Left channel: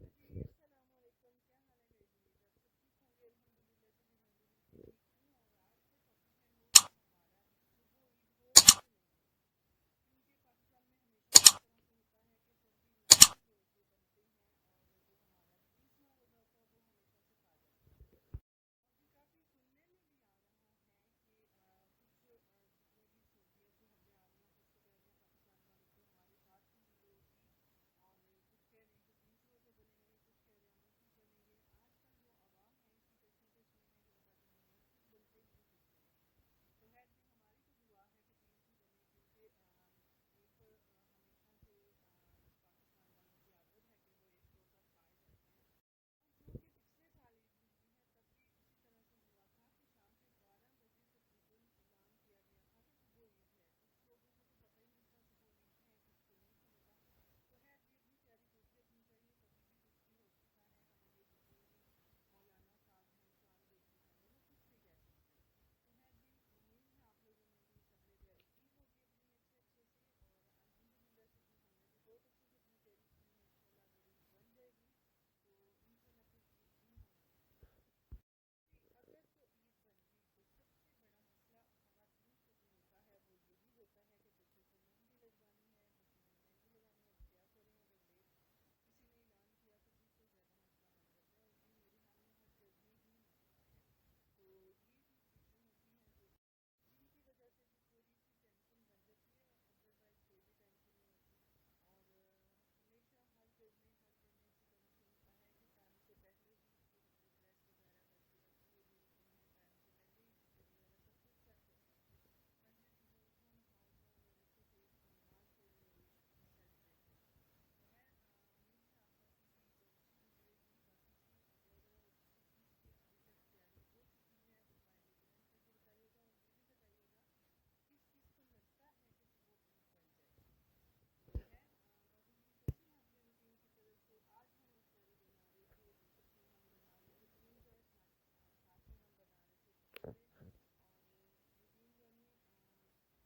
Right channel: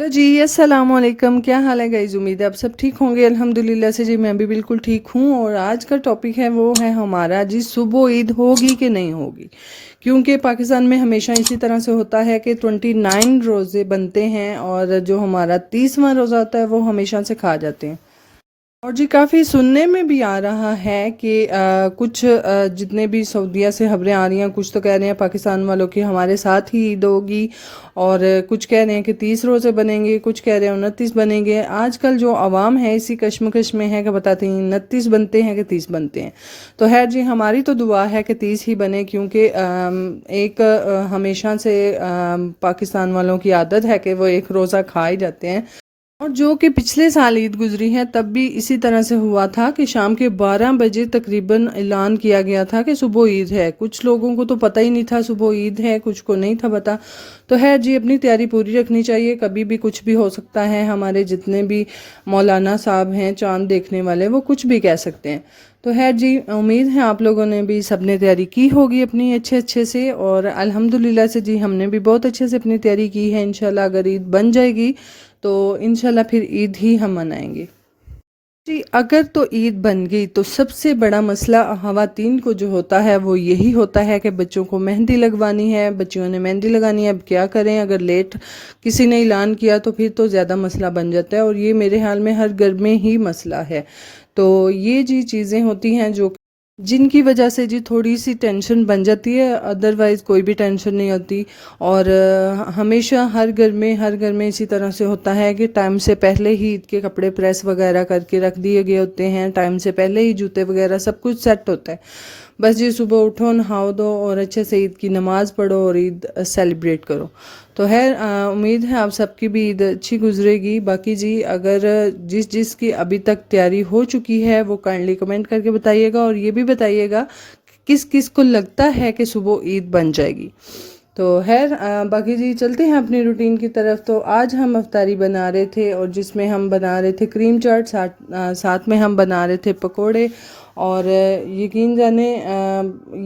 Hello जी, अस्सलाम वालेकुम। क्या हाल है गाइस? उम्मीद है आप सब ठीक होंगे। अल्हम्दुलिल्लाह से जी मैं भी बिल्कुल ठीक हूँ। और आज का टॉपिक है वो है हमारा जी, सुबह ईद होगी कि नहीं होगी। क्योंकि पाकिस्तान में हमेशा इसी तरह से होता है कि 29 रोज़े बनते हैं और जो हमारा 30वां रोज़ा होता है वो हमेशा से खा जाते हैं। और जी काफ़ी सुनने में भी आ रहा है कि कुछ जितने भी सऊदीया से खबरें आ रही हैं, कुछ तो कह रहे हैं पाकिस्तान वालों की हमारे साथ ही ईद होगी। और कुछ कह रहे हैं कि 30 रोज़े बनेंगे, कुछ कह रहे हैं 29 बनेंगे। आजकल जो आवाम है इसी कश्मकश में है कि बताते हैं 29 बनते हैं कि 30 बनते हैं। तो खैर जी, हमारी तो दुआ है कि 30 ही बने, क्योंकि एक हमेशा से पाकिस्तान वालों की आदत है कि वो एक रोज़ा खा ही जाते हैं। और जो कि पिछले साल ईद गुजरी है तब भी इसी तरह से हुआ था कि शाम के 12 बजे तकरीबन ऐलान किया गया था कि सुबह ईद है। कुछ लोगों को तो पता ही नहीं था सुबह ईद है, कुछ को नहीं था पता। तो है जी, अपनी तैयारी पूरी रखनी चाहिए, कभी भी कुछ भी हो सकता है। हमारे जितने भी मौलाना साहब हैं चांद देखने वाले, वो कुछ भी कह सकते हैं। तो है जी, उम्मीद है आप लोगों ने भी सबने तैयारी की होगी अपनी अच्छे अच्छे से। और अल्हम्दुलिल्लाह से जी हमने भी बहुत अच्छे से अपनी तैयारी की है। इंशाल्लाह अगर ईद बन जाएगी तो इंशाल्लाह फिर ईद ही हम मनाएंगे जी। अगर तो ईद बन गई तो सबसे बड़ा मसला ख़वातीन को जो होता है वो यही होता है कि बच्चों को मेहंदी लगवानी है, बच्चियों ने मेहंदी लगानी है। अब क्या करें, अगर लेट किसी ने ऐलान किया तो फिर तो ज़्यादा मसला बन जाता है। और ये मेरे ख्याल में हर घर में ही मसला है। तो ये जी चीज़ें होती हैं जो जिनकी वजह से जी थोड़ी सी टेंशन बन जाती है, अदरवाइज़ कोई भी टेंशन नहीं होती। और हमेशा हर घर में इसी तरह से होता है कि टाइम से पहले ही ईद के कपड़े प्रेस वगैरह करके रख दिए गए होते हैं, टाइम से पहले ही जूते वगैरह सब कुछ सेट होता है। बस जी सुबह उठो, नहाओ दो और अच्छे से ईद की नमाज़ पढ़ो और ईद सेलिब्रेट करो। तो है उम्मीद है आप सबकी भी ईद अच्छी गुजरेगी। बाकी जी अगर जिस जिस की अभी तक तैयारी हो चुकी है वो काइंडली कमेंट करके बताइएगा। और ये भी बताइएगा किस किस को लगता है कि सुबह ईद बन जाएगी। तो खैर बाकी जी चलते हैं अपनी रूटीन की तरफ। तो आज हम अफ्तारी बना रहे थे और जिसमें हम बना रहे थे क्रीम चाट, साथ में हम बना रहे थे पकोड़े। और यकीन जाने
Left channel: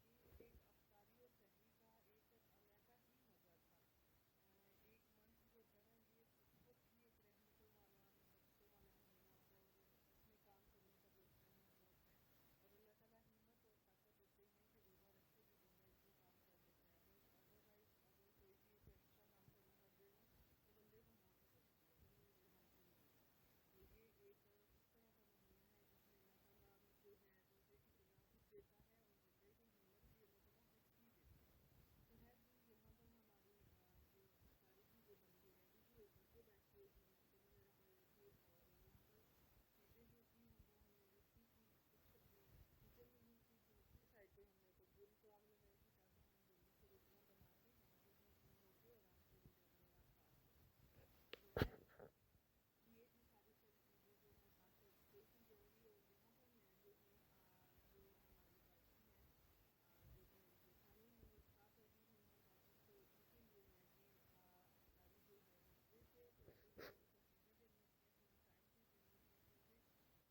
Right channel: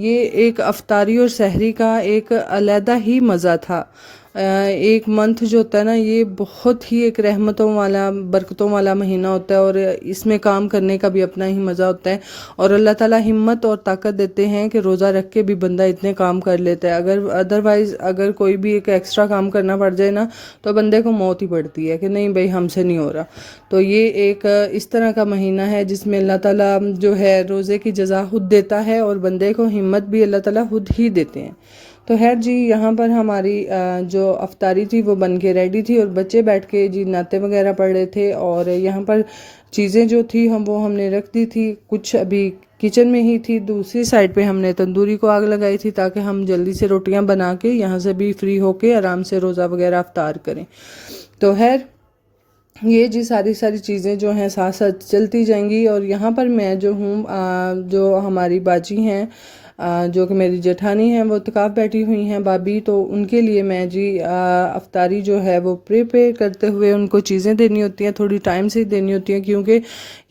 ये एक अफ्तारी और सहरी का एक अलहदा ही मज़ा था। एक मंथ जो होता है ना, ये बहुत ही एक रहमतों वाला बरकतों वाला महीना होता है। और इसमें काम करने का भी अपना ही मज़ा होता है। और अल्लाह ताला हिम्मत और ताकत देते हैं कि रोज़ा रख के भी बंदा इतने काम कर लेता है। अगर अदरवाइज़ अगर कोई भी एक एक्स्ट्रा काम करना पड़ जाए ना, तो बंदे को मौत ही पड़ती है कि नहीं भाई हमसे नहीं हो रहा। तो ये एक इस तरह का महीना है जिसमें अल्लाह ताला जो है रोज़े की जज़ा खुद देता है और बंदे को हिम्मत भी अल्लाह ताला खुद ही देते हैं। तो खैर जी यहाँ पर हमारी जो अफ्तारी थी वो बन के रेडी थी और बच्चे बैठ के जी नाते वगैरह पढ़ रहे थे। और यहाँ पर चीज़ें जो थी हमने रख दी थी, कुछ अभी किचन में ही थी। दूसरी साइड पे हमने तंदूरी को आग लगाई थी ताकि हम जल्दी से रोटियां बना के यहाँ से भी फ्री होके आराम से रोज़ा वगैरह अफ्तार करें। तो खैर ये जी सारी सारी चीज़ें जो हैं साथ साथ चलती जाएंगी। और यहाँ पर मैं जो हूँ जो हमारी बाजी हैं, जो कि मेरी जेठानी हैं, वो इत्काफ़ बैठी हुई हैं भाभी। तो उनके लिए मैं जी अफ्तारी जो है वो प्रिपेयर करते हुए उनको चीज़ें देनी होती हैं, थोड़ी टाइम से देनी होती हैं। क्योंकि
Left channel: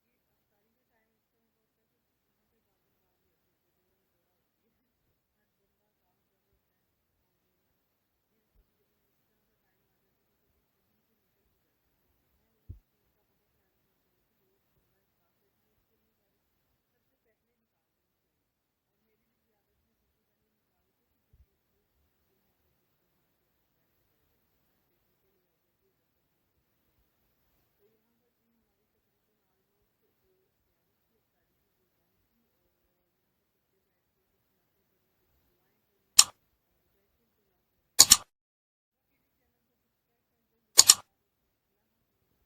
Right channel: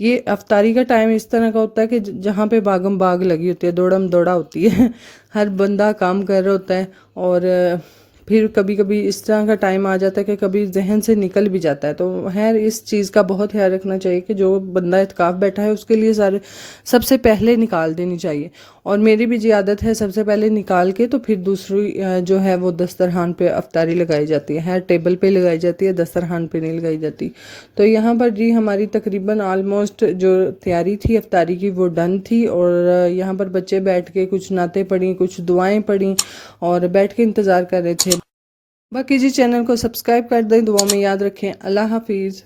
ये अफ्तारी का टाइम इस तरह का होता है कि जहाँ पे भागम भाग लगी होती है, दौड़म दौड़ा होती है हर बंदा काम कर रहा होता है। और फिर कभी कभी इस तरह का टाइम आ जाता है कि कभी जहन से निकल भी जाता है। तो खैर इस चीज़ का बहुत ख्याल रखना चाहिए कि जो बंदा इत्काफ़ बैठा है उसके लिए सारे सबसे पहले निकाल देनी चाहिए। और मेरी भी जी आदत है सबसे पहले निकाल के तो फिर दूसरी जो है वो दस्तरखान पे अफ्तारी लगाई जाती है, टेबल पे लगाई जाती है, दस्तरखान पे नहीं लगाई जाती। तो यहाँ पर जी हमारी तकरीबन आलमोस्ट जो तैयारी थी अफ्तारी की वो डन थी। और यहाँ पर बच्चे बैठ के कुछ नाते पढ़ी, कुछ दुआएं पढ़ी और बैठ के इंतज़ार कर रहे थे। बाकी जी चैनल को सब्सक्राइब कर दें, दुआ में याद रखें। अल्लाह हाफिज़।